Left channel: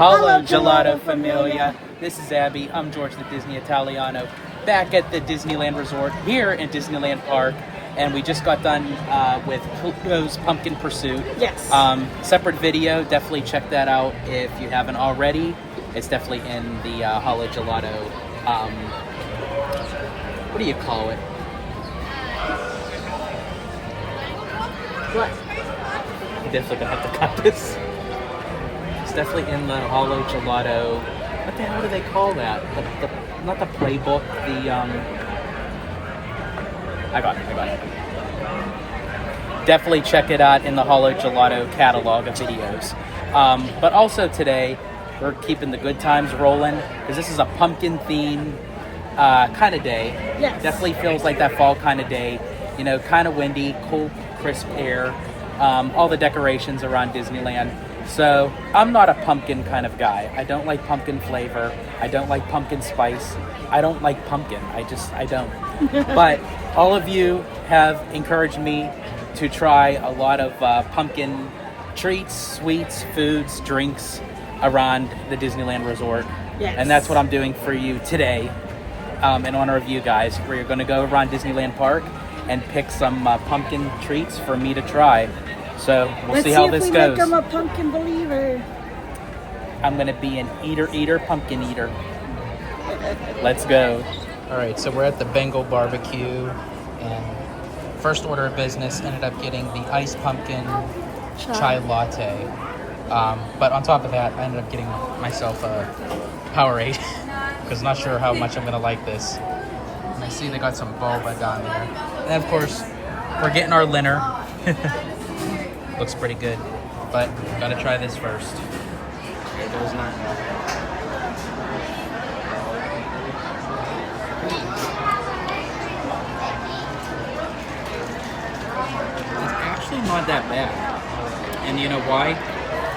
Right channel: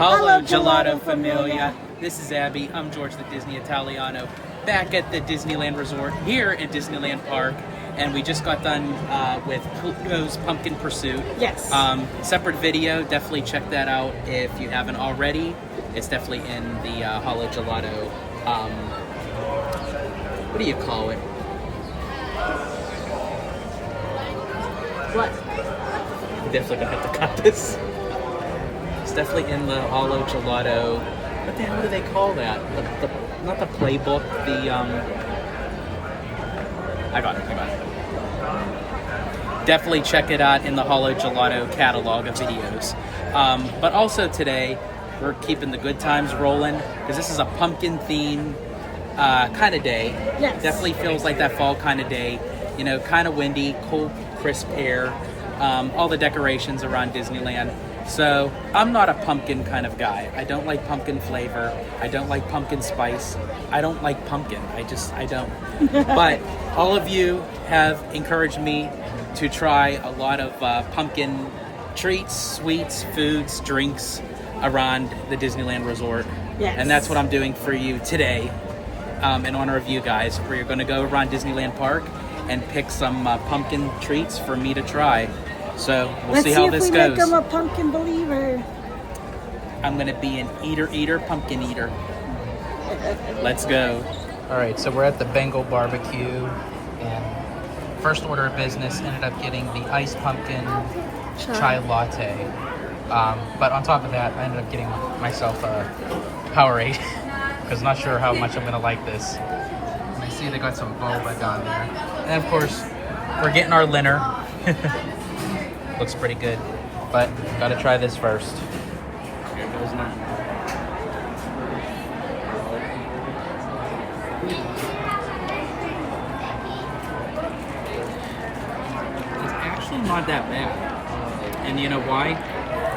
Hello, Gelato Familia. This is Abby. I'm George the Disney Italiano, back at the Disneyland Resort here in Disneyland Park. And we just got done with Pluto's Pumpkin Pursuit. Yes. Separate video. Definitely check that out if you haven't already. It's definitely in the Hollow Gelato. What do you call it? What? I'm definitely gonna have to cut this. It's definitely in the Hollow Gelato. What the hell do they call that? The not the playbook. The I got it. Definitely check it out in the Hollow Gelato catalog of videos. But also today, we're keeping the good times rolling because this is a pumpkin theme kind of day. Yes. Definitely feels like that fall kind of day. You know, kind of windy, cold, crisp air. All the decorations around Disneyland. So I'm not a pumpkin kind of guy. I don't like pumpkin flavor. I don't like pumpkin spice. I don't like pumpkin. I don't. But all of you have encouraged me to try a lot of pumpkin treats, sweets, foods, drinks around the Disneyland Resort. Yes. And that's what I'm doing for you today in honor of you guys. We're going to go around Disneyland Park and pick some pumpkin treats for me to try. So we'll see how this goes. I'm a pumpkin believer. I'm going to be an eater, pumpkin eater. Let's go. All right, so we're at the Bengal Barbecue, and first order of business ended up getting the iced pumpkin chai latte. But on top of that, I ended up getting myself a Powerade because I'm not sure how much I'm going to like this. And I see they got some boba down there. And of course, we're getting our dinner. Looks pretty good, but gotta try this first. Here goes nothing. It's actually not that bad. And you know why?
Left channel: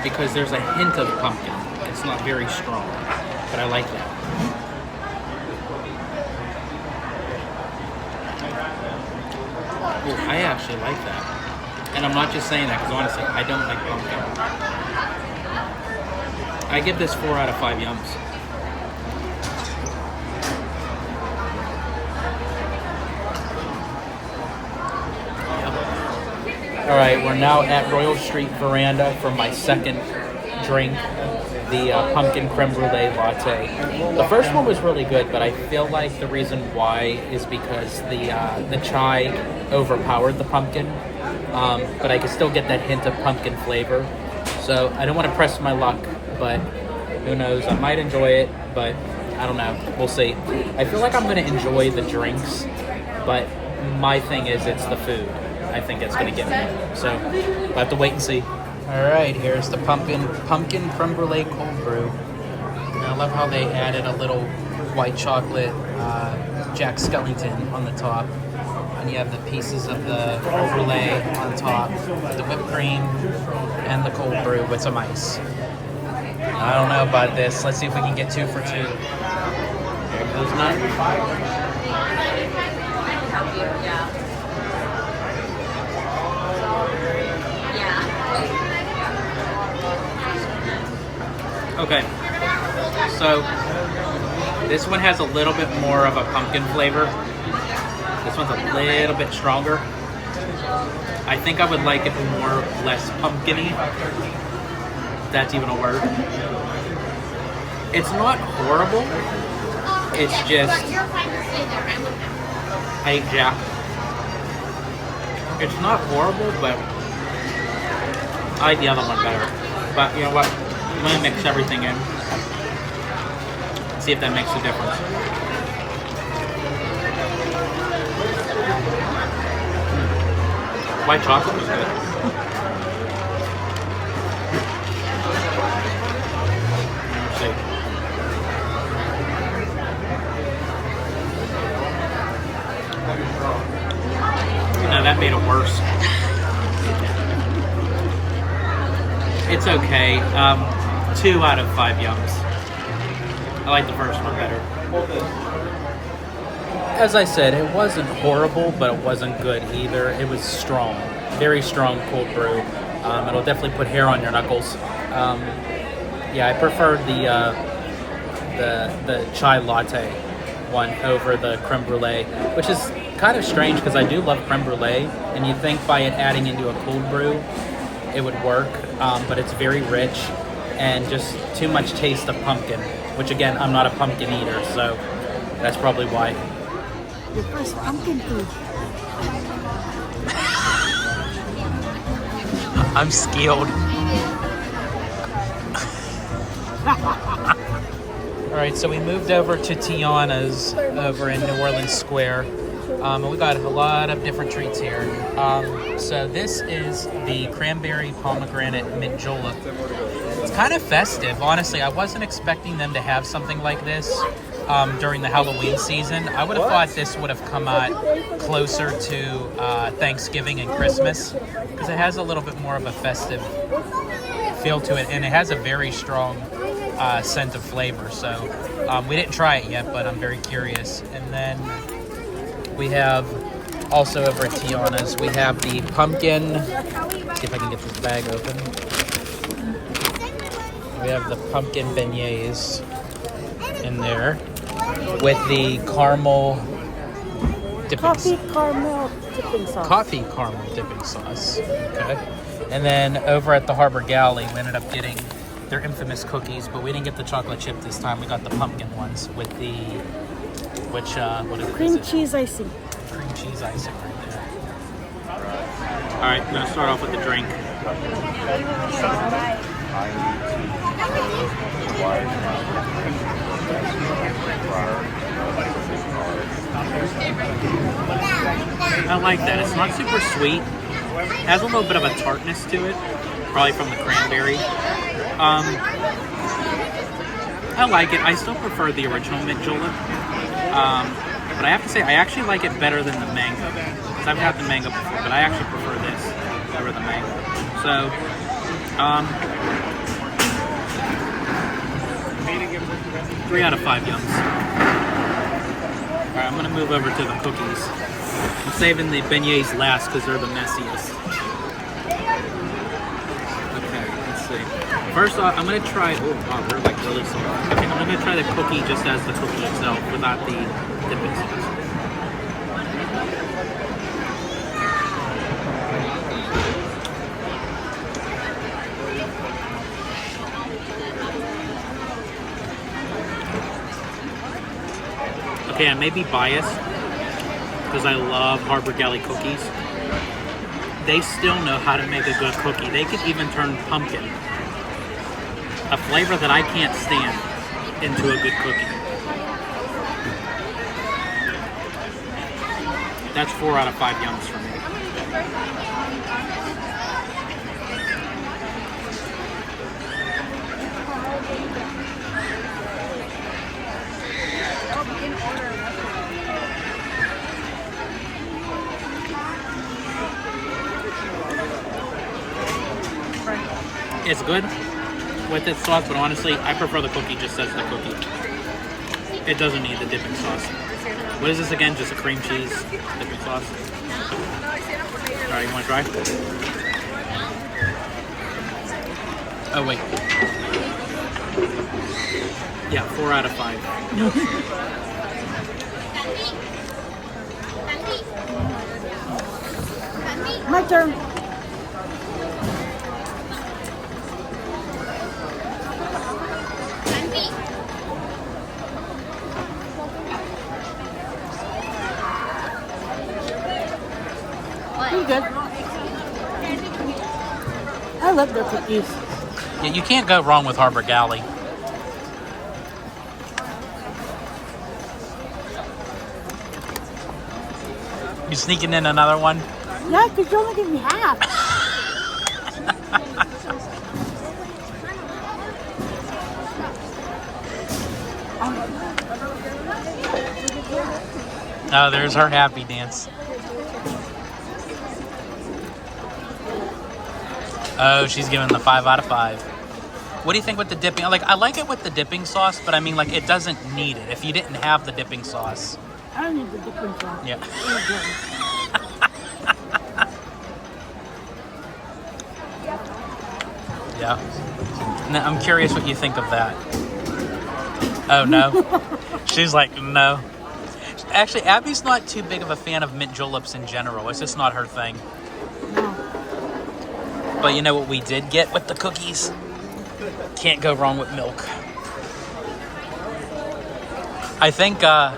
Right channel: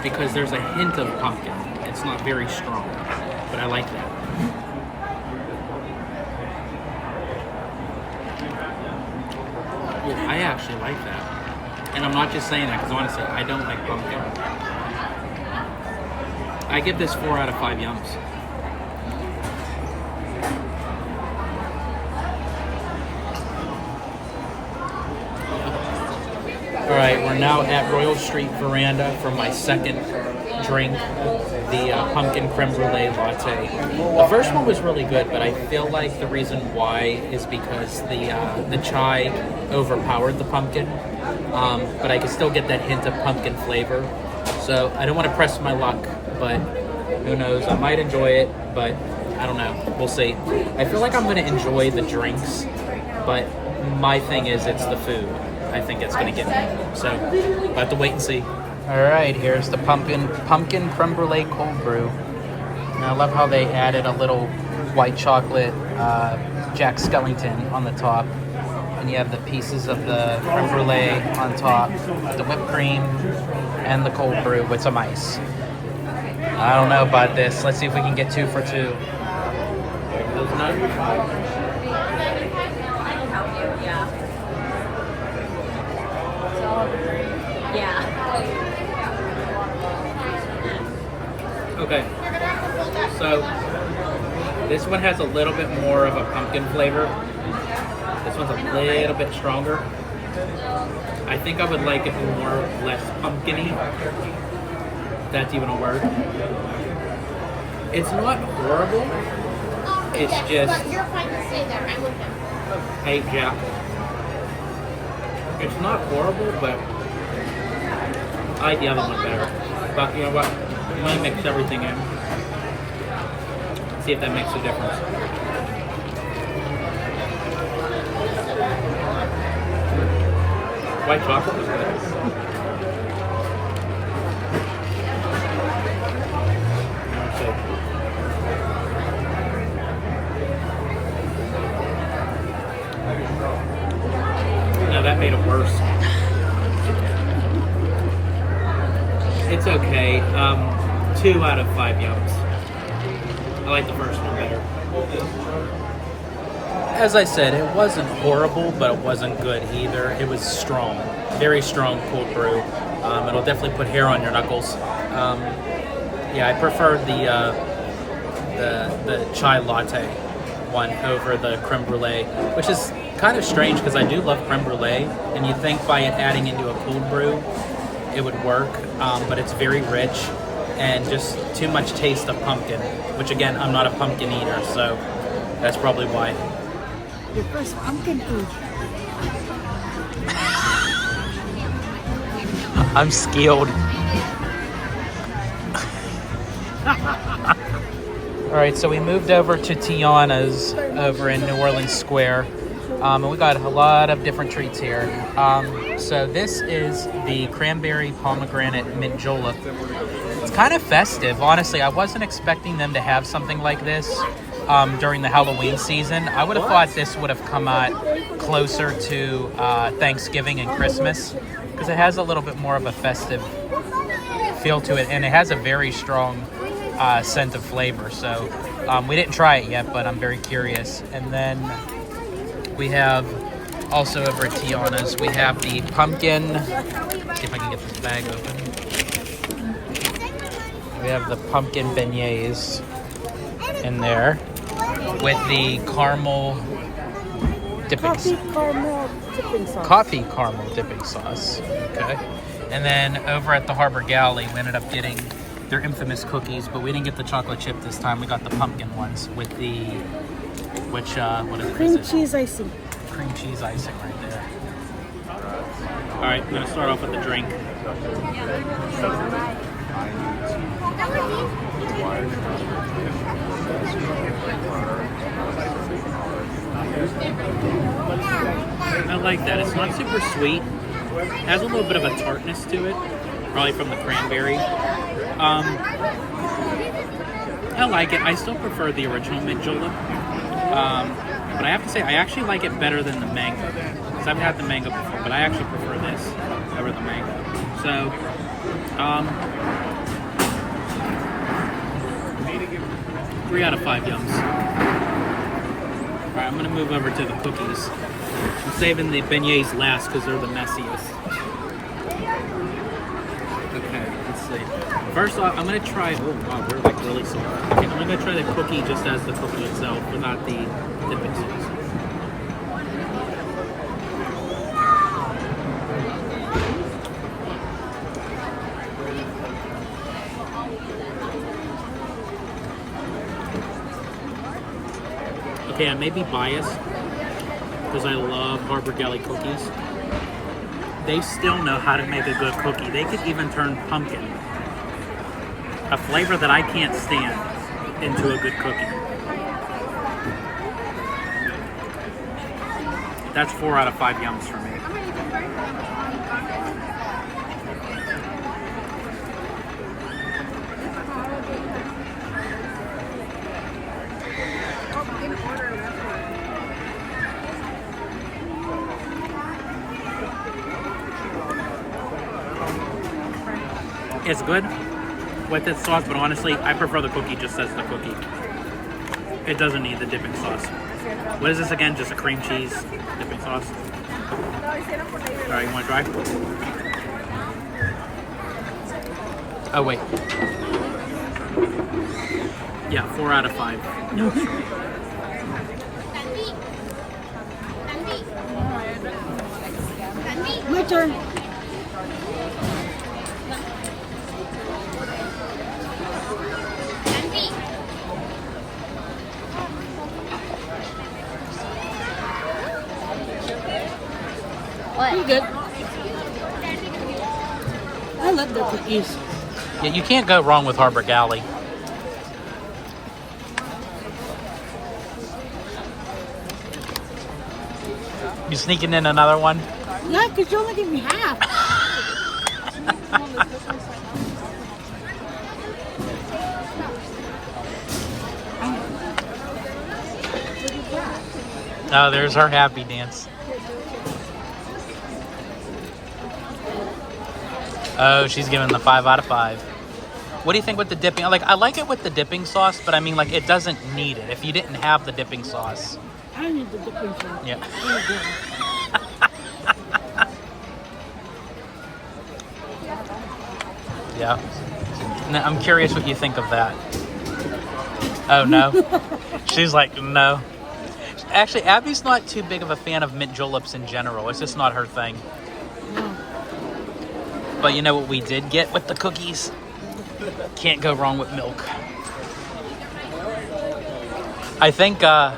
Because there's a hint of pumpkin. It's not very strong, but I like that. Ooh, I actually like that. And I'm not just saying that because honestly, I don't like pumpkin. I give this 4 out of 5 yums. Yep. All right, we're now at Royal Street Veranda for my second drink, the pumpkin creme brulee latte. The first one was really good, but I feel like the reason why is because the chai overpowered the pumpkin. But I can still get that hint of pumpkin flavor. So I don't want to press my luck, but who knows? I might enjoy it, but I don't know. We'll see. I feel like I'm going to enjoy the drinks, but my thing is it's the food. I think it's going to get me. So we'll have to wait and see. All right, here's the pumpkin creme brulee cold brew. And I love how they added a little white chocolate Jack Skellington on the top. And you have the pieces of the creme brulee on top, the whipped cream, and the cold brew with some ice. I don't know about this. Let's see if we can get 2 for 2. There goes none. Okay, so this one has a little bit more of a pumpkin flavor. This one's a little bit stronger. I think I would like it more, less pumpkin-y. If that's even a word. It's not horrible. It's just... Hey, Jack. It's not horrible, but I like the other one better. But you know what? I'm going to mix everything in. See if that makes a difference. White chocolate was good. Let's see. No, that made it worse. It's okay. 2 out of 5 yums. I like the first one better. As I said, it wasn't horrible, but it wasn't good either. It was strong, very strong cold brew. It'll definitely put hair on your knuckles. Yeah, I prefer the chai latte one over the creme brulee, which is kind of strange because I do love creme brulee, and you think by it adding into a cold brew, it would work, but it's very rich and just too much taste of pumpkin, which again, I'm not a pumpkin eater, so that's probably why. Your first pumpkin food. I'm skilled. All right, so we moved over to Tiana's over in New Orleans Square. And we got a lot of different treats here. So this is the cranberry pomegranate mint julep. It's kind of festive, honestly. I wasn't expecting them to have something like this during the Halloween season. I would have thought this would have come out closer to Thanksgiving and Christmas because it has a little bit more of a festive feel to it, and it has a very strong scent of flavor. So we didn't try it yet, but I'm very curious. And then we have also over at Tiana's, we have the pumpkin. Let's see if I can get this bag open. We have the pumpkin beignets in there with the caramel dipping Coffee caramel dipping sauce. Coffee caramel dipping sauce. Okay. And then over at the Harbor Galley, we ended up getting their infamous cookies, but we didn't get the chocolate chip this time. We got the pumpkin ones with the, what is it? Cream cheese icing. Cream cheese icing right there. All right, I'm gonna start off with the drink. I like that. It's not super sweet. It has a little bit of a tartness to it, probably from the cranberry. I like it. I still prefer the original mint julep. But I have to say, I actually like it better than the mango. Because I've had the mango before, but I actually prefer this over the mango. So, 3 out of 5 yums. Alright, I'm going to move over to the cookies. I'm saving the beignets last because they're the messiest. Okay, let's see. First off, I'm going to try... Oh, wow, they're like really soft. Okay, I'm going to try the cookie just as the cookie itself without the dipping sauce. Okay, I may be biased because I love Harbor Galley cookies. They still know how to make a good cookie. They could even turn pumpkin, a flavor that I can't stand, into a good cookie. That's 4 out of 5 yums for me. It's good with its sauce, but honestly, I prefer the cookie just as the cookie. It doesn't need the dipping sauce. What is this again? Just a cream cheese dipping sauce? Alright, you want to try? Oh, wait. Yeah, 4 out of 5. My turn. Pretty good. I love their cookies. Yeah, you can't go wrong with Harbor Galley. You sneaking in another one? Yeah, because you only give me half. Oh, there's her happy dance. Oh, she's giving the 5 out of 5. What do you think with the dipping? Like, I like it with the dipping sauce, but I mean, like, it doesn't need it. If you didn't have the dipping sauce. I don't need the dipping sauce. Yeah. Yeah. Now, I'm curious what you think of that. Oh, no? She's like, no. Actually, Abby's not too big of a fan of mint juleps in general. It's just not her thing. No. But you know what we did get with the cookies? Can't go wrong with milk. I think I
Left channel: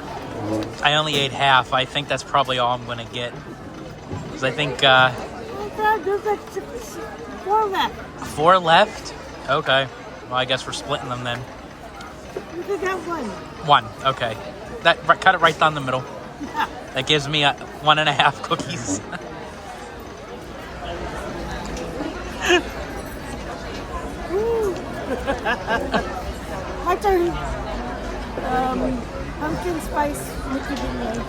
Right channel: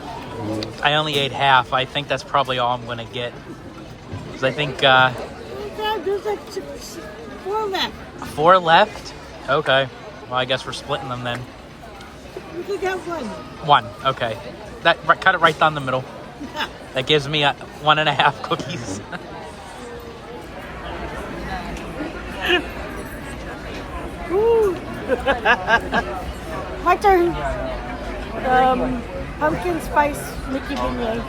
only ate half. I think that's probably all I'm going to get. Because I think... Oh, God, there's like 4 left. 4 left? Okay. Well, I guess we're splitting them then. You could have 1. 1. Okay. Cut it right down the middle. Yeah. That gives me 1.5 cookies. Ooh. My turn. Pumpkin spice Mickey beignet.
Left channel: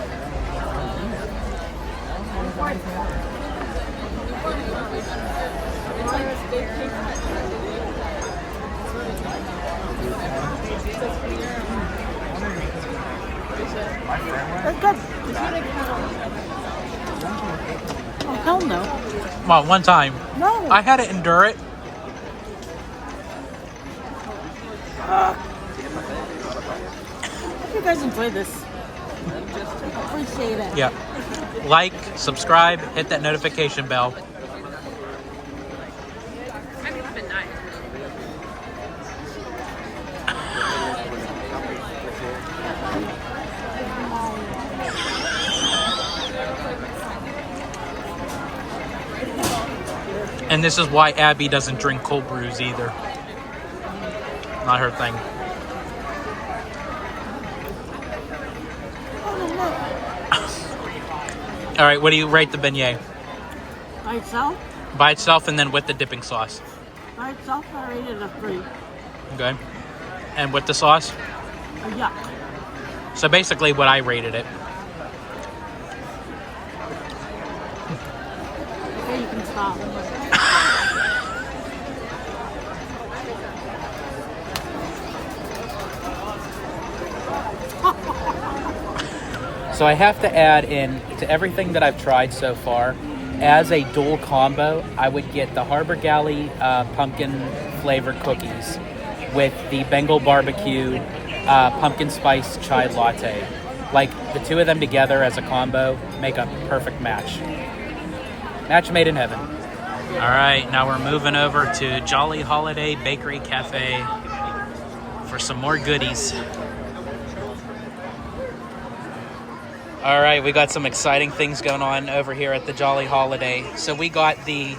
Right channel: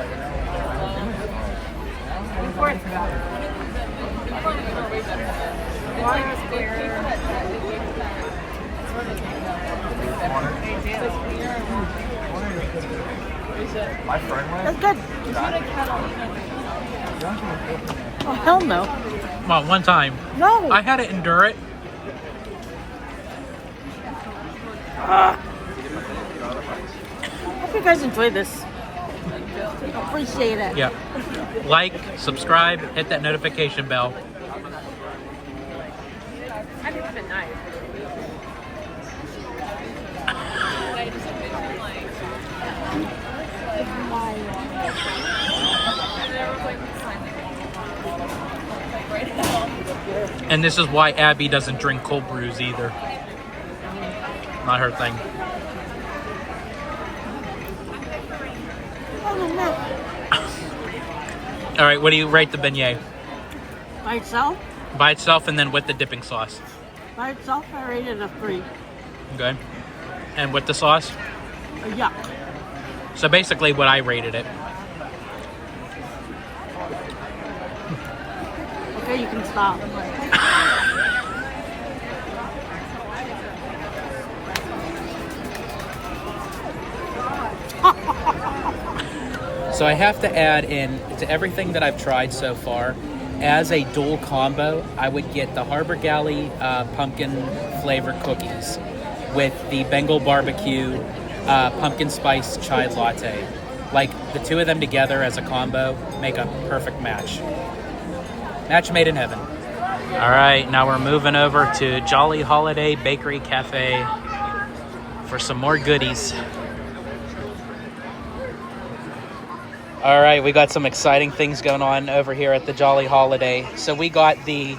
That's good. Oh, hell no. Well, one time. No. I had to endure it. Hope you guys enjoy this. Appreciate it. Yeah. Like, subscribe, hit that notification bell. And this is why Abby doesn't drink cold brews either. Not her thing. All right, what do you rate the beignet? By itself? By itself and then with the dipping sauce. By itself, I rated a 3. Okay. And with the sauce? Yeah. So basically what I rated it. Okay, you can stop. So I have to add in to everything that I've tried so far, as a dual combo, I would get the Harbor Galley pumpkin flavored cookies with the Bengal Barbecue pumpkin spice chai latte. Like the two of them together as a combo make a perfect match. Match made in heaven. All right, now we're moving over to Jolly Holiday Bakery Cafe for some more goodies. All right, we got some exciting things going on over here at the Jolly Holiday. So we got the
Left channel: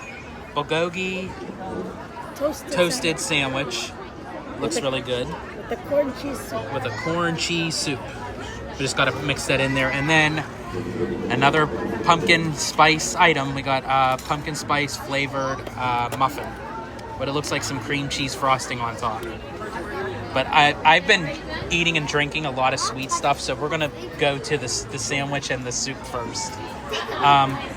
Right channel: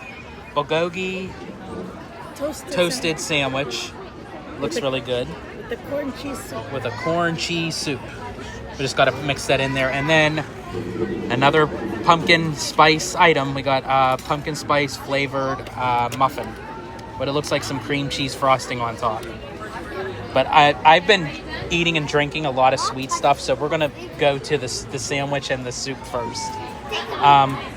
bulgogi toasted sandwich. Looks really good. With the corn cheese soup. With a corn cheese soup. We just got to mix that in there. And then another pumpkin spice item. We got pumpkin spice flavored muffin. But it looks like some cream cheese frosting on top. But I've been eating and drinking a lot of sweet stuff, so we're gonna go to the sandwich and the soup first.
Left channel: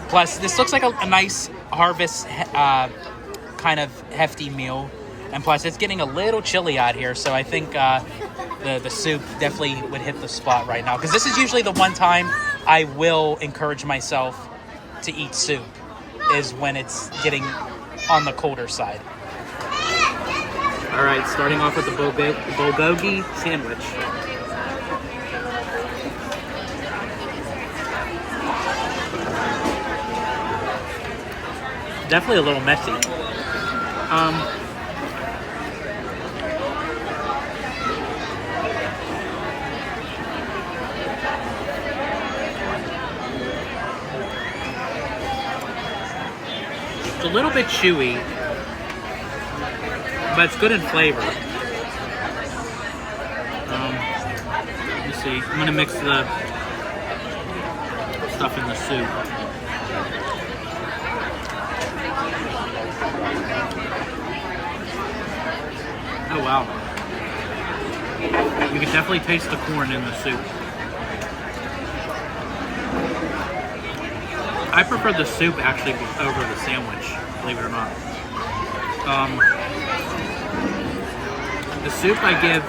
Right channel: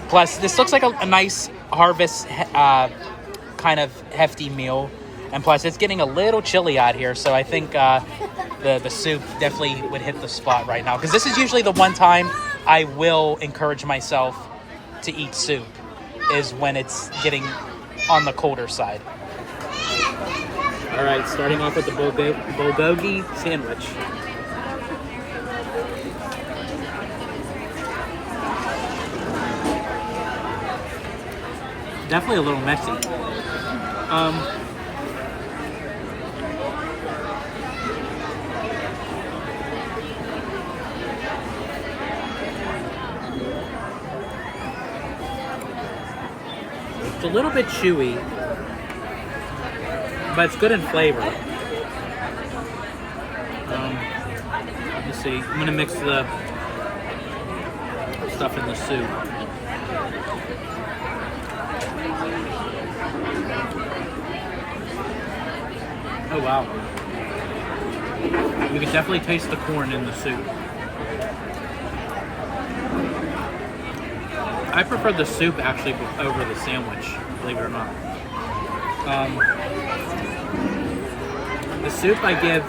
Plus, this looks like a nice harvest kind of hefty meal, and plus it's getting a little chilly out here, so I think the soup definitely would hit the spot right now, because this is usually the one time I will encourage myself to eat soup, is when it's getting on the colder side. All right, starting off with the bulgogi sandwich. Definitely a little messy. It's a little bit chewy, but it's good in flavor. Let me see. I'm gonna mix the stuff in the soup. Oh wow. You can definitely taste the corn in the soup. I prefer the soup actually over the sandwich, believe it or not. The soup I give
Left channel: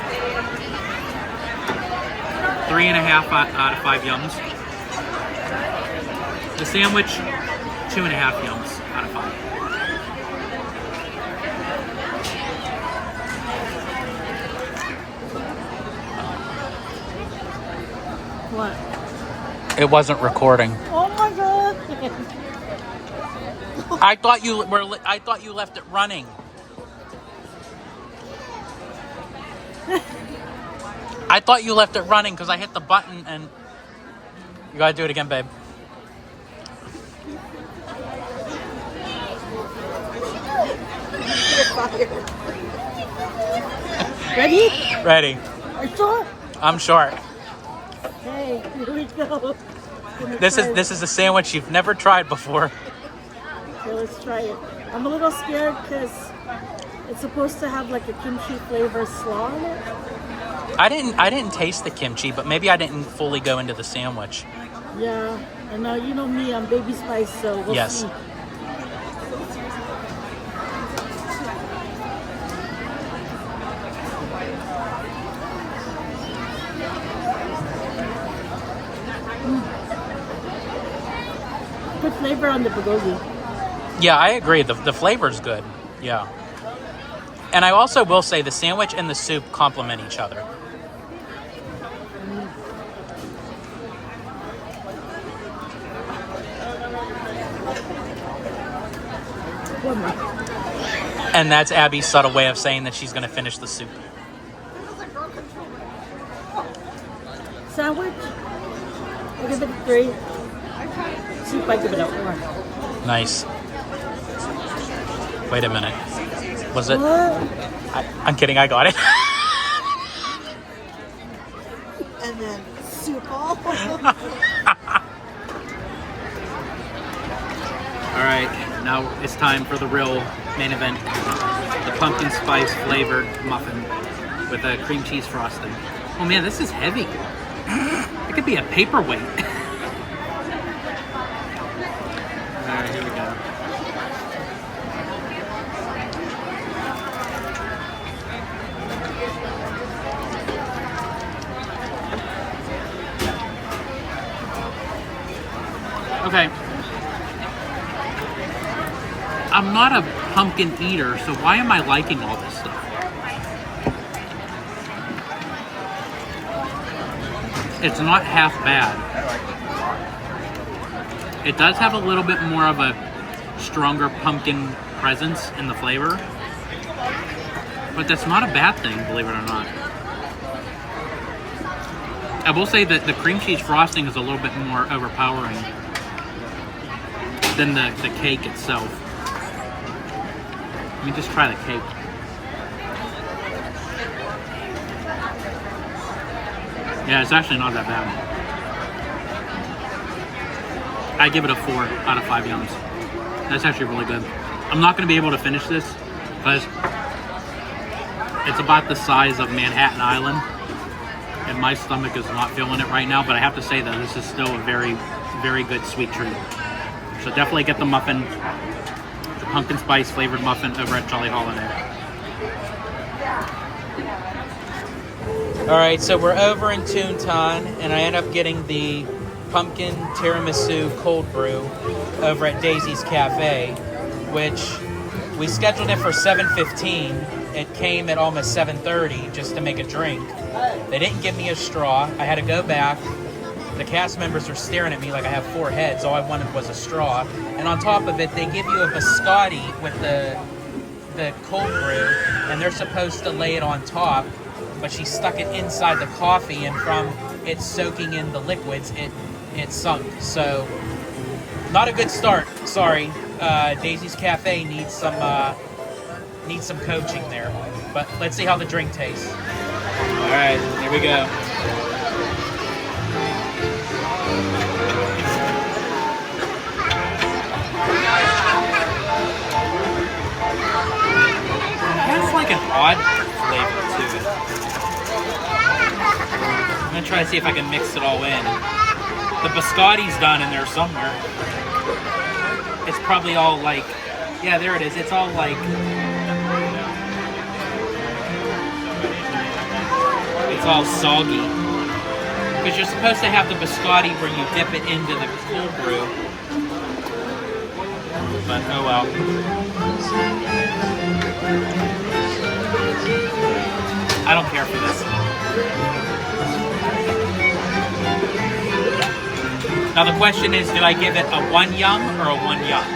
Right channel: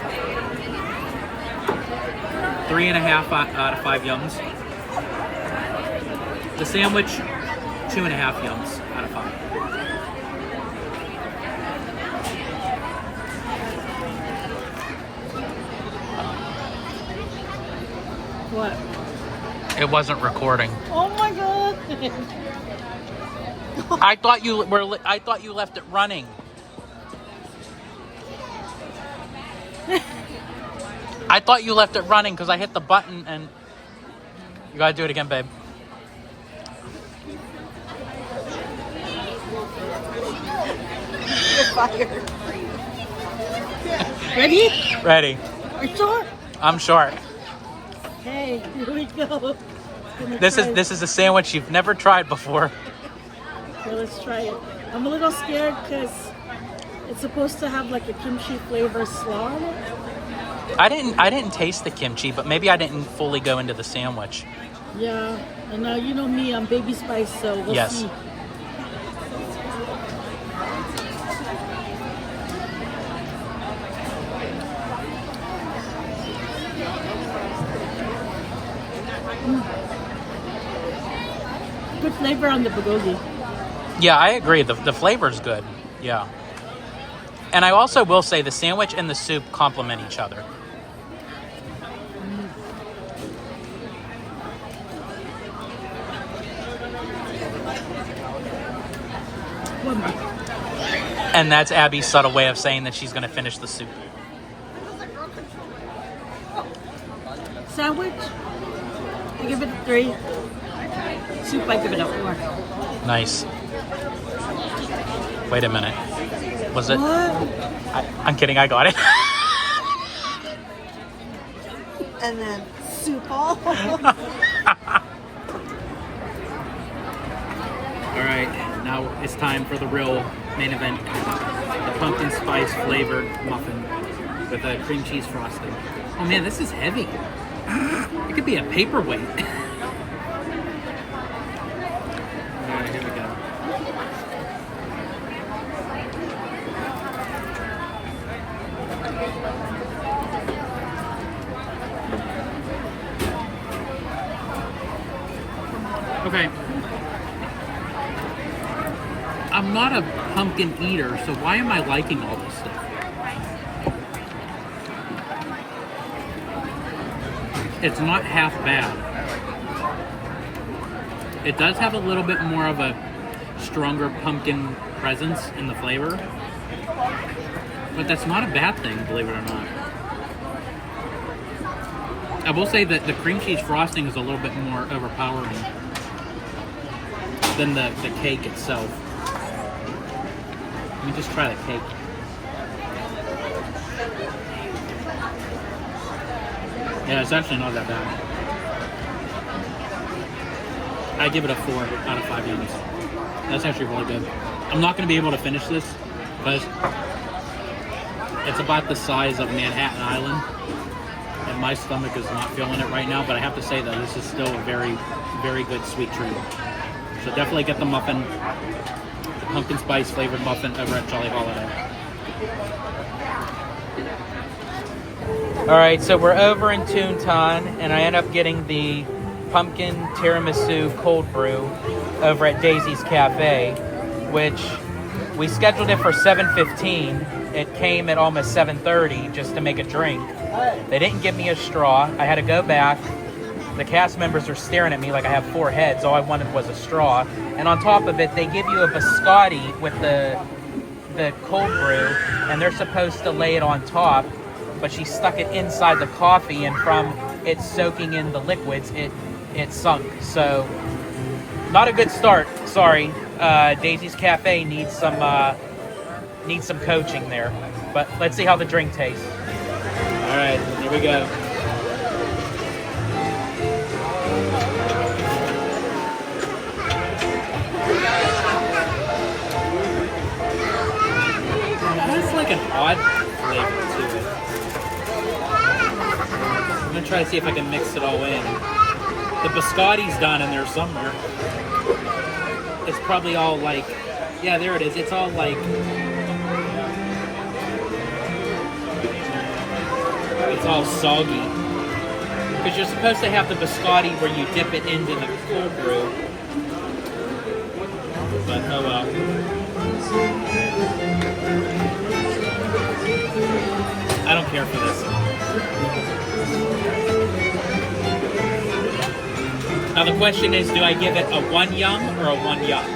3.5 out of 5 yums. The sandwich, 2.5 yums out of 5. What? It wasn't recording. Oh my god! I thought you left it running. I thought you left it running because I hit the button and you gotta do it again, babe. Ready? Ready. Are you sure? I'm sure. Okay, here we go. This is a sandwich you've never tried before. Okay, let's try it. I'm a little scared because it's supposed to have like a kimchi flavor slaw in it. I didn't taste the kimchi, but maybe I didn't fully go into the sandwich. Yeah, and you know me, I'm baby spice, so we'll Yes. see. Good flavor on the bulgogi. Yeah, I agree. The flavor's good. Yeah. And I also will say the sandwich and the soup complement each other. One more. And that's Abby's subtle way of saying that she's going to finish the soup. Sandwich, I give it a 3. Soup, I give it a 4. Nice. Wait a minute. Was it? What? I'm kidding. I got it. And then soup. All right. Now it's time for the real main event. The pumpkin spice flavored muffin with a cream cheese frosting. Oh man, this is heavy. It could be a paperweight. All right, here we go. Okay. I'm not a pumpkin eater, so why am I liking all this stuff? It's not half bad. It does have a little bit more of a stronger pumpkin presence in the flavor, but that's not a bad thing, believe it or not. I will say that the cream cheese frosting is a little bit more overpowering than the cake itself. Let me just try the cake. Yeah, it's actually not that bad. I give it a 4 out of 5 yums. That's actually really good. I'm not going to be able to finish this because it's about the size of Manhattan Island, and my stomach is not feeling it right now, but I have to say that this is still a very, very good sweet treat. So definitely get the muffin, the pumpkin spice flavored muffin over at Jolly Holiday. All right, so we're over in Toontown, and I end up getting the pumpkin tiramisu cold brew over at Daisy's Cafe, which we scheduled it for 7:15. It came at almost 7:30 just to make a drink. They didn't give me a straw. I had to go back. The cast members are staring at me like I have 4 heads. All I wanted was a straw. And on top of it, they give you a biscotti with the cold brew, and they're supposed to lay it on top, but she stuck it inside the coffee, and from it soaking in the liquids, it sunk. So, not a good start. Sorry. Daisy's Cafe needs some coaching there. But let's see how the drink tastes. All right, here we go. An odd flavor to it. I'm gonna try to see if I can mix it all in. The biscotti's done in there somewhere. It's probably all like, yeah, there it is. It's all like, it's all soggy. Because you're supposed to have the biscotti where you dip it into the cold brew. But oh well. I don't care for this. Now the question is, do I give it a 1 yum or a 1 yuck?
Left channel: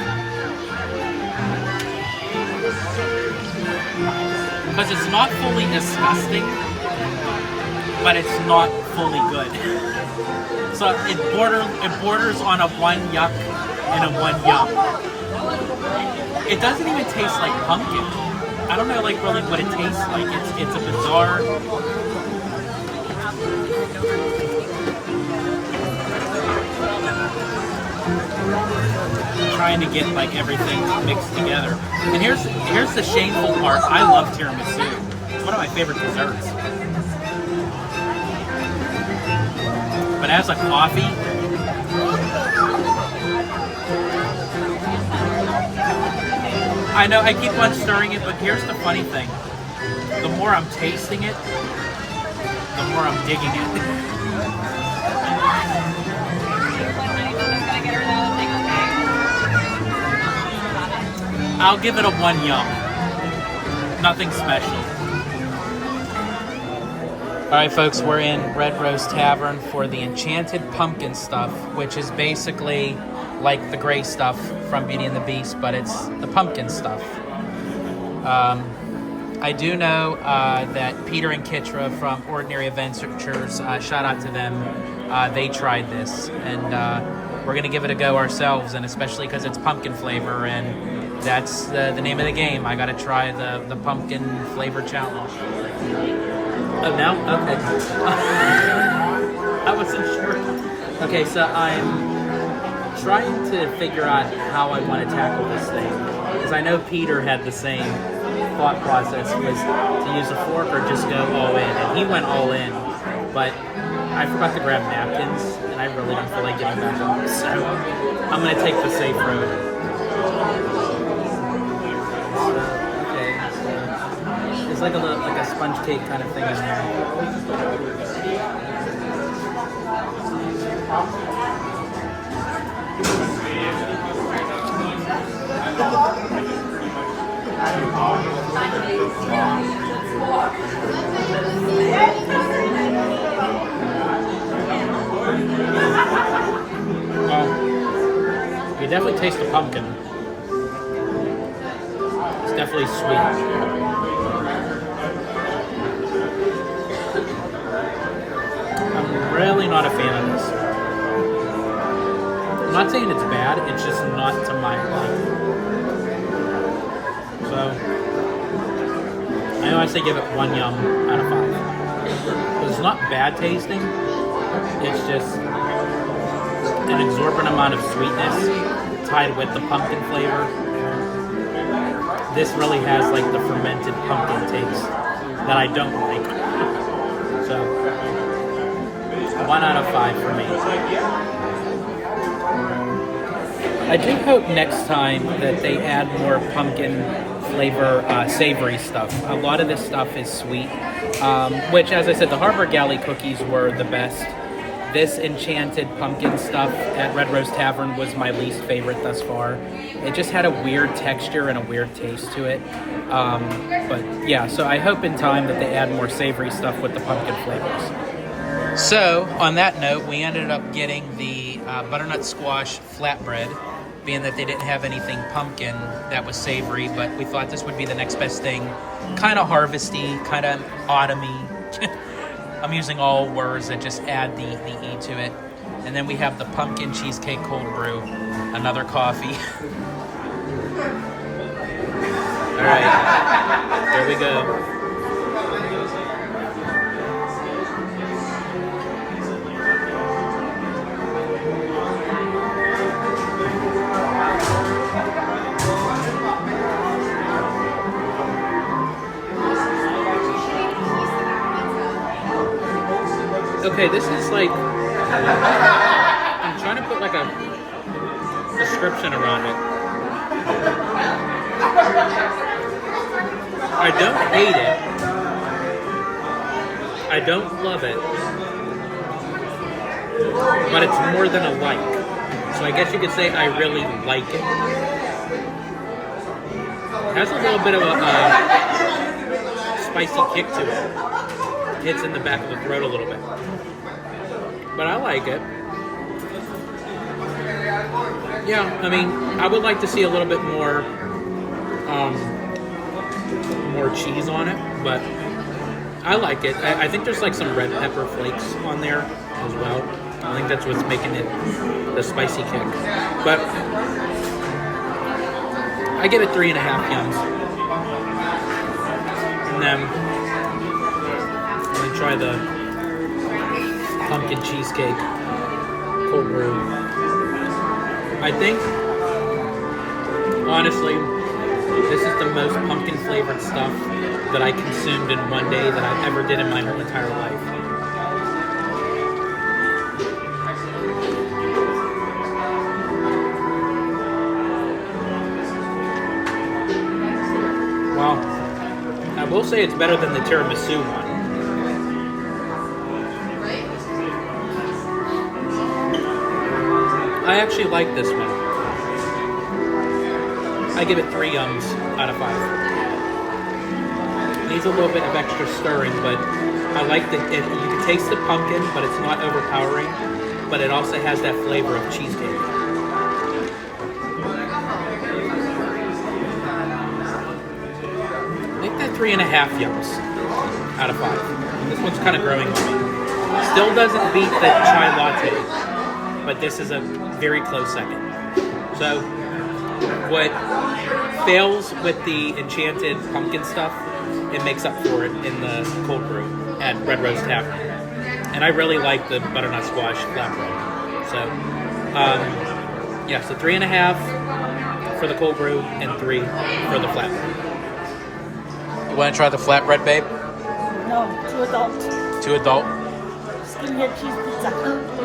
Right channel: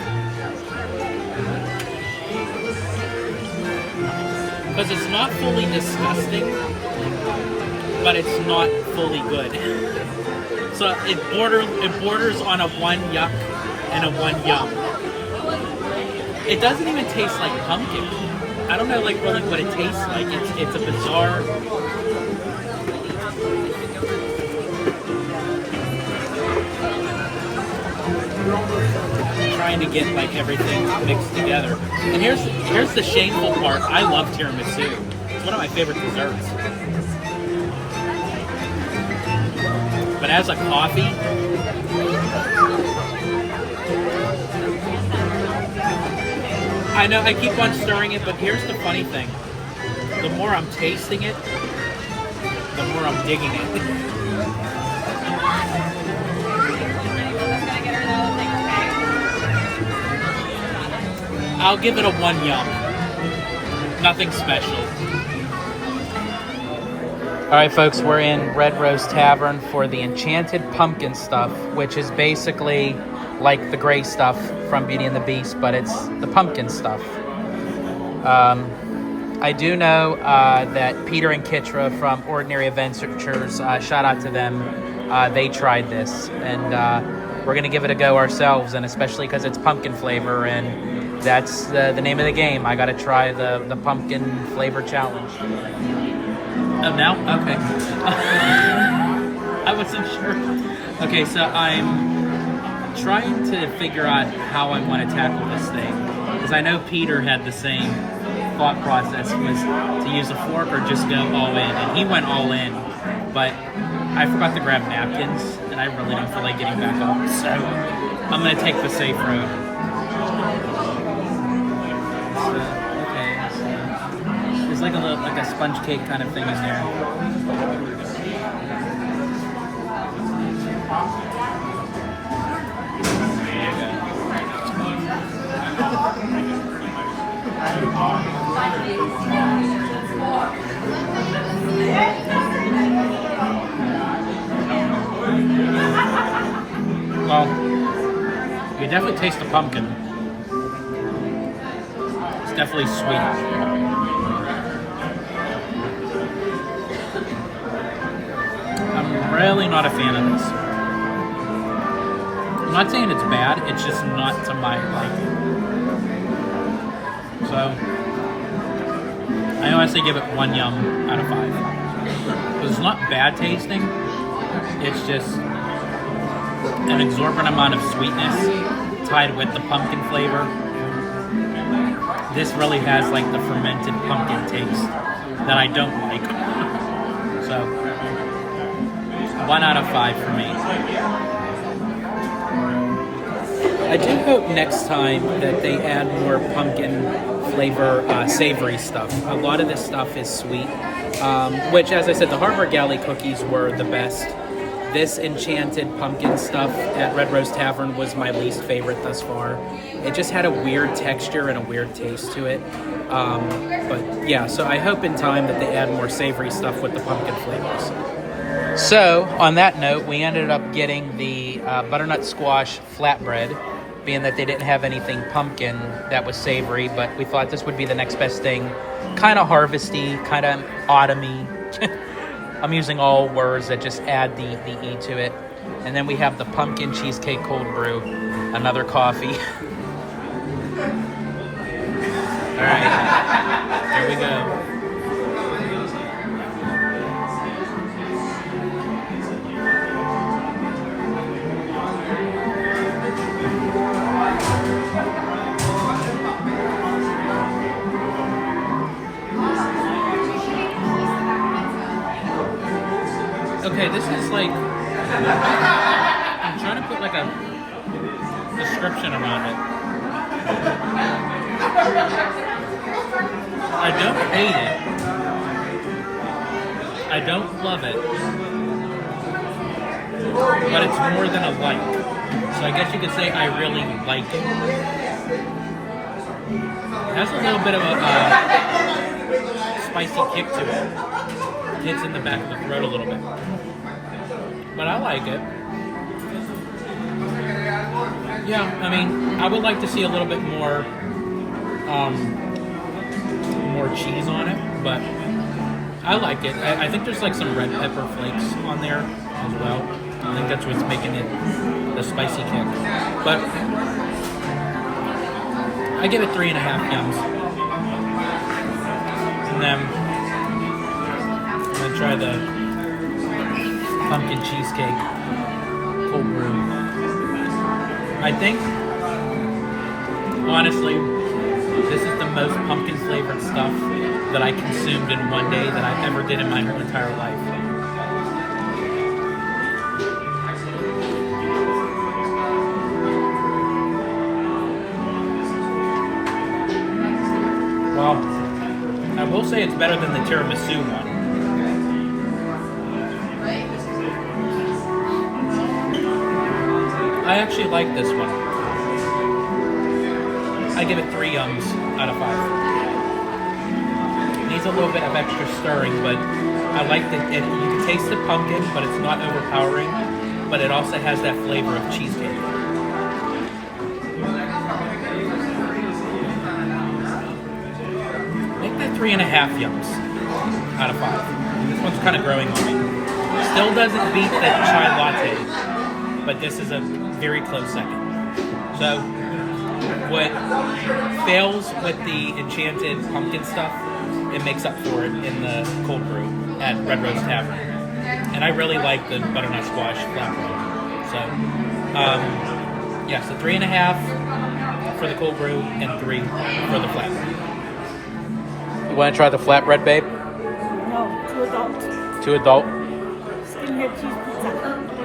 Because it's not fully disgusting, but it's not fully good. So it borders on a 1 yuck and a 1 yum. It doesn't even taste like pumpkin. I don't know like really what it tastes like. It's a bizarre. Trying to get like everything mixed together. And here's the shameful part. I love tiramisu. It's one of my favorite desserts. But as a coffee, I know I keep on stirring it, but here's the funny thing. The more I'm tasting it, the more I'm digging it. I'll give it a 1 yum. Nothing special. Alright folks, we're in Red Rose Tavern for the Enchanted Pumpkin stuff, which is basically like the gray stuff from Beauty and the Beast, but it's the pumpkin stuff. I do know that Peter and Kitra from Ordinary Adventures, shout out to them, they tried this, and we're going to give it a go ourselves, and especially because it's pumpkin flavor, and that's the name of the game. I got to try the pumpkin flavor challenge. Oh, no? Okay. I wasn't sure. Okay, so I'm trying to figure out how I want to tackle this thing, because I know Peter had the same thought process, was to use a fork or just go all in, and he went all in, but I forgot to grab napkins, and I really don't feel like getting back up, so I'm going to take the safe road. There's like a sponge cake kind of thing in there. Well, you definitely taste the pumpkin. It's definitely sweet. I'm really not a fan of this. I'm not saying it's bad, it's just not to my liking. So, I honestly give it 1 yum out of 5. Because it's not bad tasting, it's just an exorbitant amount of sweetness tied with the pumpkin flavor. This really has like the fermented pumpkin taste that I don't like. So, 1 out of 5 for me. I do hope next time that they add more pumpkin flavor savory stuff. A lot of this stuff is sweet, which, as I said, the Harbor Galley cookies were the best. This Enchanted Pumpkin stuff at Red Rose Tavern was my least favorite thus far. It just had a weird texture and a weird taste to it. But yeah, so I hope in time that they add more savory stuff with the pumpkin flavors. So, on that note, we ended up getting the butternut squash flatbread, being that they didn't have anything pumpkin that was savory, but we thought this would be the next best thing. Kind of harvesty, kind of autumny. I'm using all words that just add the E to it. And then we have the pumpkin cheesecake cold brew, another coffee. All right, there we go. Okay, this is like, I'm trying to put like a description around it. I don't hate it. I don't love it. But it's more than a like. So I guess you could say I really like it. It has a little bit of a spicy kick to it. Hits in the back of the throat a little bit. But I like it. Yeah, I mean, I would like to see a little bit more, more cheese on it, but I like it. I think there's like some red pepper flakes on there as well. I think that's what's making it the spicy kick. But I give it 3.5 yums. And then I'm gonna try the pumpkin cheesecake cold brew. I think, honestly, this is the most pumpkin flavored stuff that I consumed in one day that I ever did in my whole entire life. Well, I will say it's better than the tiramisu one. I actually like this one. I give it 3 yums out of 5. It needs a little bit of extra stirring, but I like that you can taste the pumpkin, but it's not overpowering. But it also has that flavor of cheesecake. Make that 3.5 yums out of 5. And this one's kind of growing. Still doesn't beat the chai latte, but this is a very close second. So, what fails with the enchanted pumpkin stuff, it makes up for it in the cold brew at Rose Tavern. And I really like the butternut squash flatbread. So, yeah, so 3.5 for the cold brew and 3 for the flatbread. You want to try the flatbread, babe? No, too adult. Too adult? Skin here cheese pizza.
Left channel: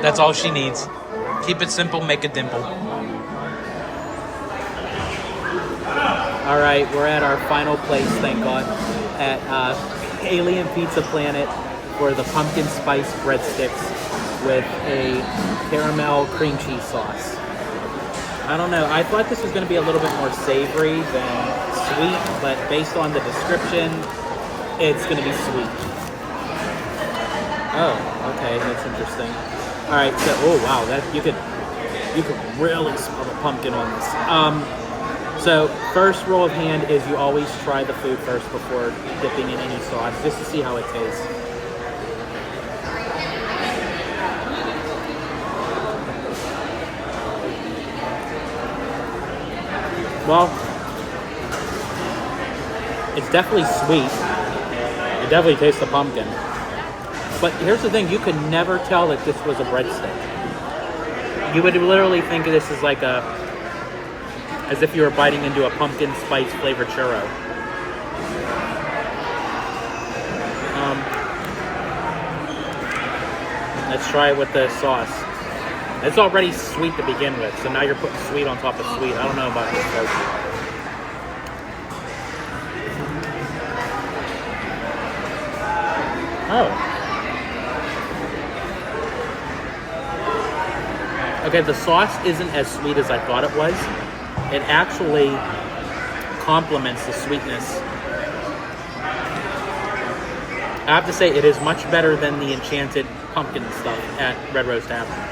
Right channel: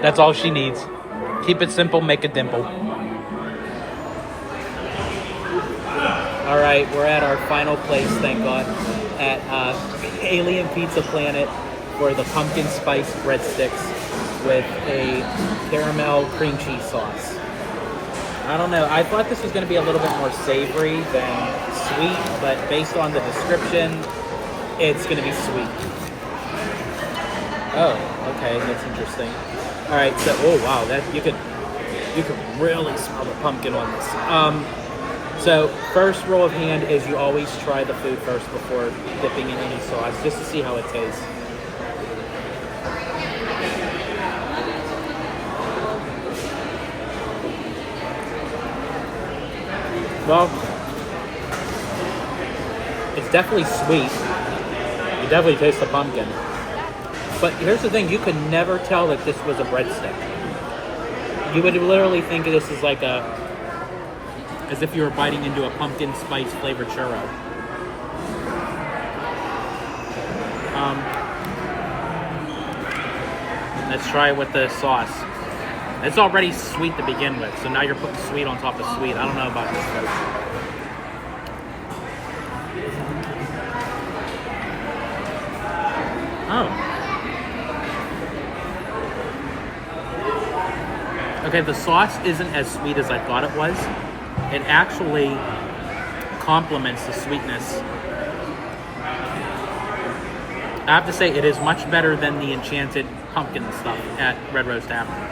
That's all she needs. Keep it simple, make a dimple. All right, we're at our final place, thank God, at Alien Pizza Planet for the pumpkin spice breadsticks with a caramel cream cheese sauce. I don't know, I thought this was going to be a little bit more savory than sweet, but based on the description, it's going to be sweet. Oh, okay, that's interesting. All right, so oh wow, that you could really smell the pumpkin on this. So first rule of hand is you always try the food first before dipping in any sauce, just to see how it tastes. Well, it's definitely sweet. You definitely taste the pumpkin. But here's the thing, you could never tell that this was a breadstick. You would literally think of this as like as if you were biting into a pumpkin spice flavored churro. Let's try it with the sauce. It's already sweet to begin with, so now you're putting sweet on top of sweet. I don't know about this, folks. Oh. Okay, the sauce isn't as sweet as I thought it was. It actually complements the sweetness. I have to say, it is much better than the enchanted pumpkin stuff at Rose Tavern.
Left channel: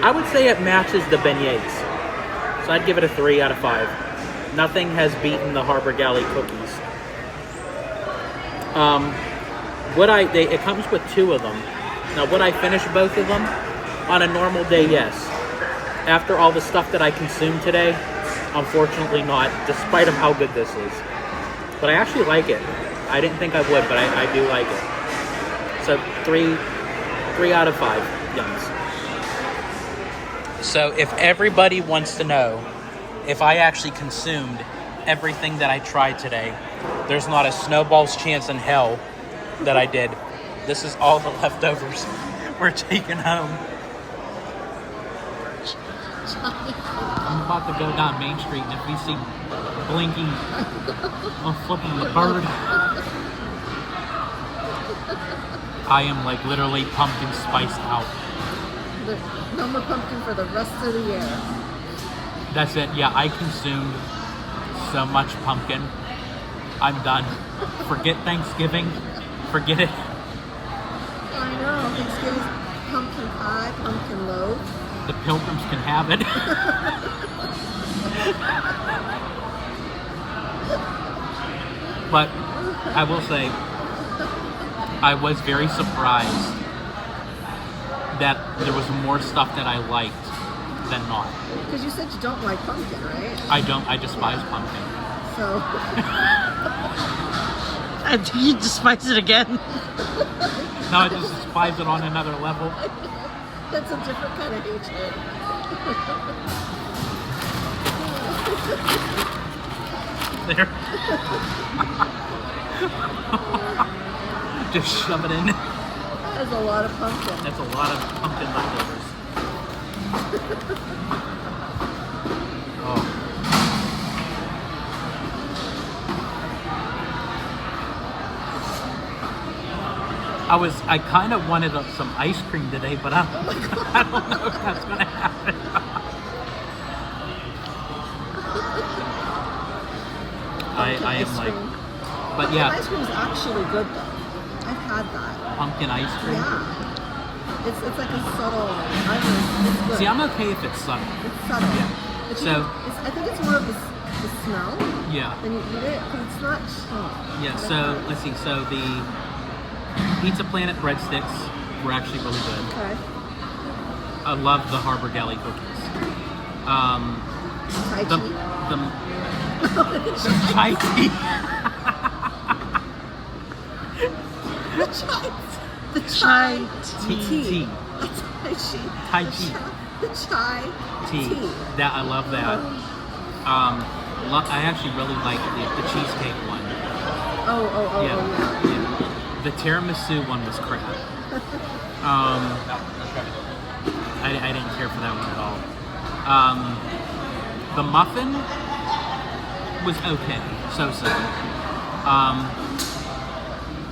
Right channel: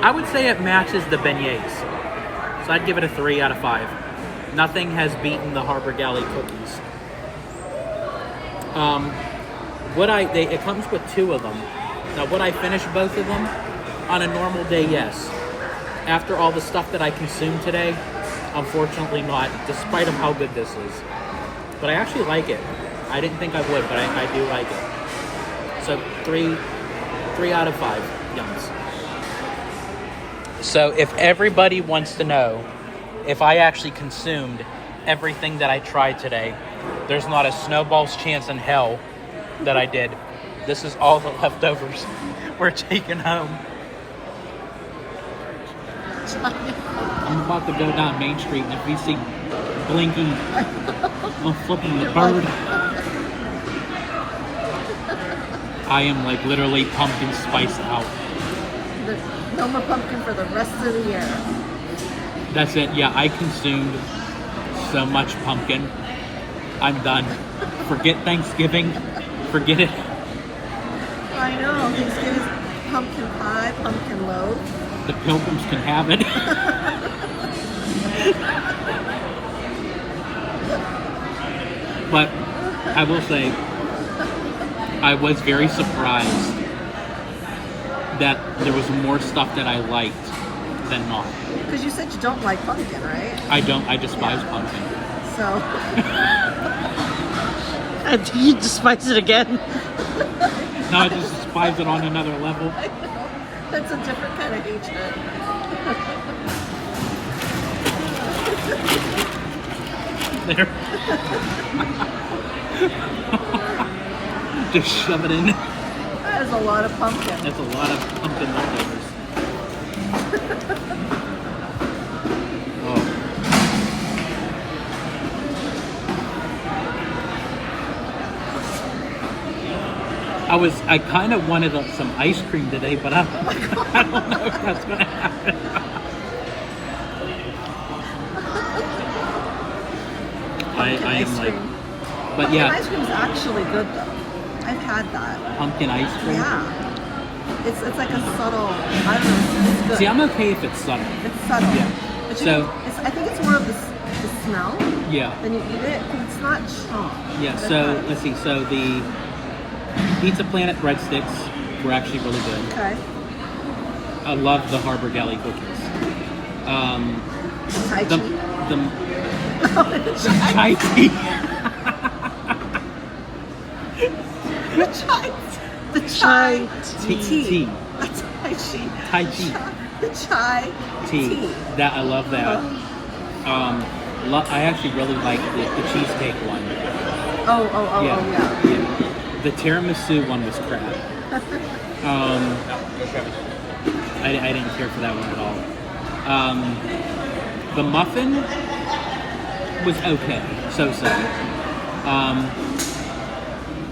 I would say it matches the beignets. So I'd give it a 3 out of 5. Nothing has beaten the Harbor Galley cookies. It comes with 2 of them. Now, would I finish both of them? On a normal day, yes. After all the stuff that I consumed today, unfortunately not, despite of how good this is. But I actually like it. I didn't think I would, but I do like it. So 3 out of 5 yums. So if everybody wants to know if I actually consumed everything that I tried today, there's not a snowball's chance in hell that I did. This is all the leftovers we're taking home. I'm about to go down Main Street, and if you see blinking, I'm flipping the bird. I am like literally pumpkin spice out. No more pumpkin for the rest of the year. That's it. Yeah, I consumed so much pumpkin. I'm done. Forget Thanksgiving. Forget it. I know. pumpkin pie, pumpkin loaf. The pilgrims can have it. But I will say, I was very surprised that there was more stuff that I liked than not. Because you said you don't like pumpkin, right? I don't. I despise pumpkin. So, I think you despise it again. No, I just despise it on another level. that's a different kind of hatred. There. Just shove it in. That is a lot of pumpkin. That's a lot of pumpkin leftovers. I kind of wanted some ice cream today, but I don't know if that's going to happen. I am like, but Pumpkin yeah, ice cream is actually good though. I've had that. pumpkin ice cream. Yeah. It's like a subtle. I don't know. It's good. See, I'm okay if it's subtle. It's subtle. Yeah. It's So- I think it's more of the smell. Yeah. Then you eat it. It's not strong. Yeah, so let's see. So the Pizza Planet breadsticks were actually really good. Okay. I love the Harbor Galley cookies. Tai The chi. Thai tea. The Chai Tea. The Tai chi. Thai tea. The chai Tea. That I love that. I actually really like the cheesecake one. Oh, Yeah. yeah. The tiramisu one was crap. I didn't care for that one at all. The muffin was okay, so.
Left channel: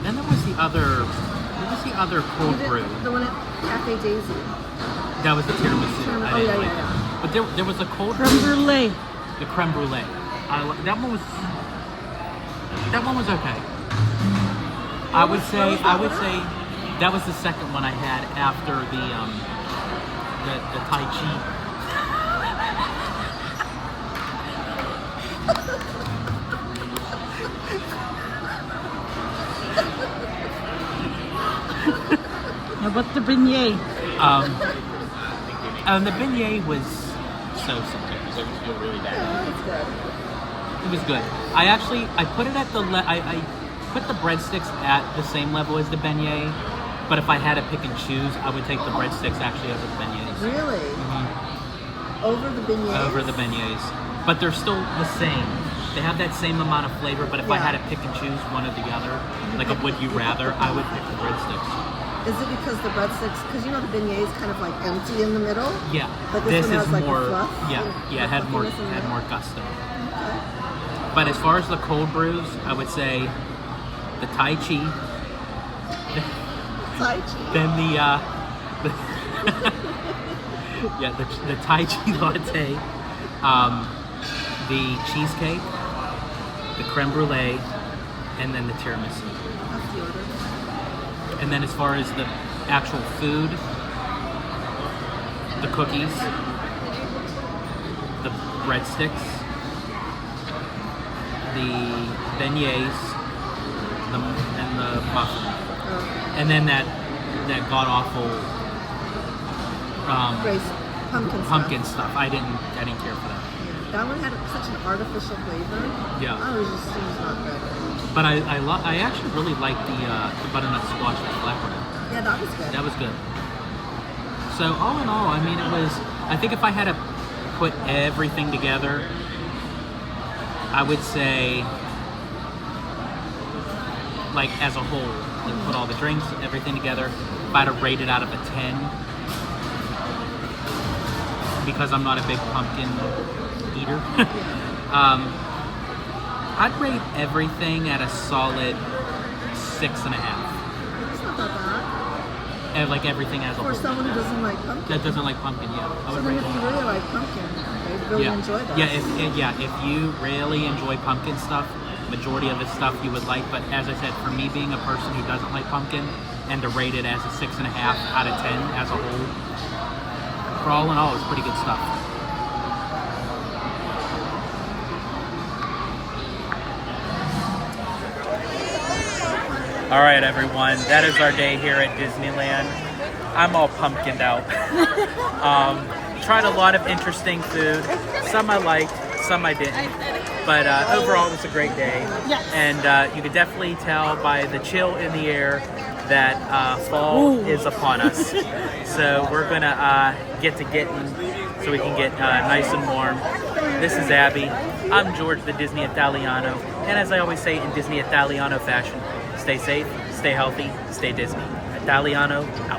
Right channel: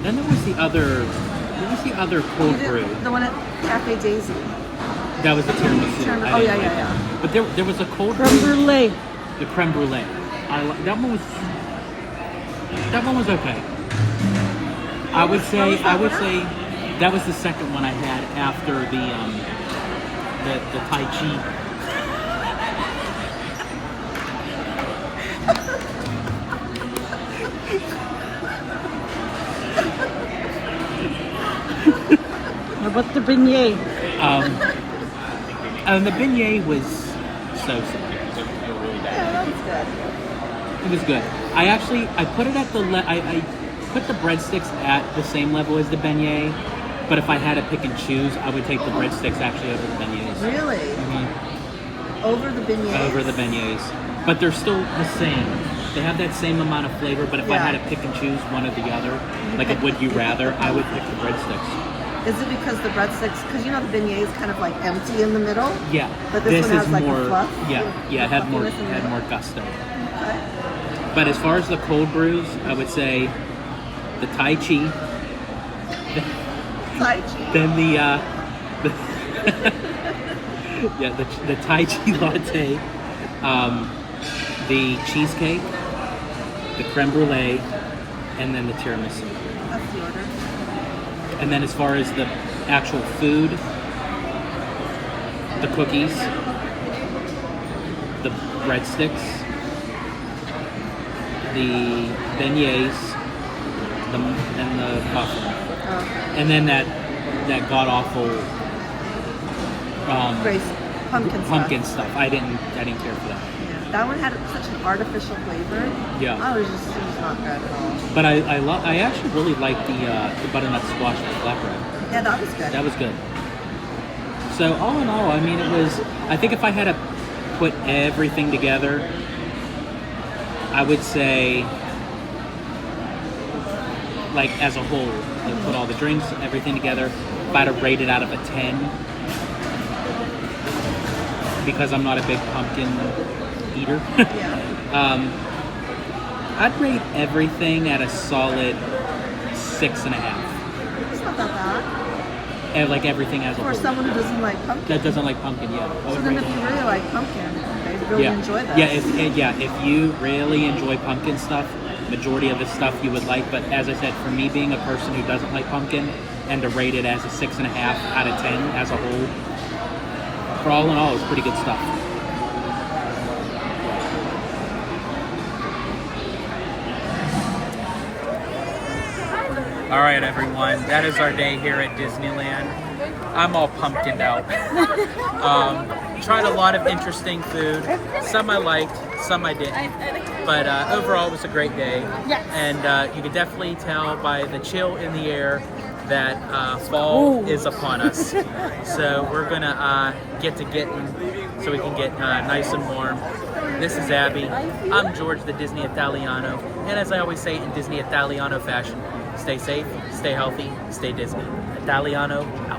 Then there was the other cold brew. The one at Cafe Daisy. That was the tiramisu. I Oh, didn't yeah. like that. But there was a cold Creme brew. brulee. The creme brulee. That one was okay. I would say that was the second one I had after the Tai Chi. How about the beignet? The beignet was so. It was good. I put it at I put the breadsticks at the same level as the beignet, but if I had to pick and choose, I would take the breadsticks actually over the beignets. Really? Mhm. Over the beignets? Over the beignets. But they're still the same. They have that same amount of flavor, but if I had to pick and choose one or the other, like a would you rather, I would pick the breadsticks. Is it because the breadsticks, because you know the beignet is kind of like empty in the middle? Yeah. But this one is has like a more fluff? had more gusto. But as far as the cold brews, I would say the Tai Chi, Tai chi. then the Tai Chi latte, the cheesecake, the creme brulee, and then the tiramisu. That's weird. And then as far as the actual food, the cookies, the breadsticks, the beignets, and the muffin, and then that god awful Grace, pumpkin stuff. I didn't care for that. That one had such an artificial flavor. Yeah. I was just not that cool. But I actually really liked the butternut squash with black bread. Yeah, that was good. That was good. So all in all, I mean, I think if I had to put everything together, I would say, like as a whole, like put all the drinks, everything together, if I had to rate it out of a 10, because I'm not a big pumpkin eater, I'd rate everything at a solid 6.5. It's not that bad. And like everything as a For whole. someone who doesn't like pumpkin. That doesn't like pumpkin, yeah. I would Someone rate if it. you really like pumpkin, you really enjoy that. If you really enjoy pumpkin stuff, majority of the stuff you would like. But as I said, for me being a person who doesn't like pumpkin, and to rate it as a 6.5 out of 10 as a whole. For all in all, it's pretty good stuff. All right, everyone, that is our day here at Disneyland. I'm all pumpkined out. Tried a lot of interesting food. Some I liked, some I didn't. But overall, it was a great day. Yes. And you could definitely tell by the chill in the air that fall is upon us. So we're going to get to getting so we can get nice and warm. This is Abby. I'm George, the Disney Italiano. And as I always say in Disney Italiano fashion, stay safe, stay healthy, stay Disney. Italiano out.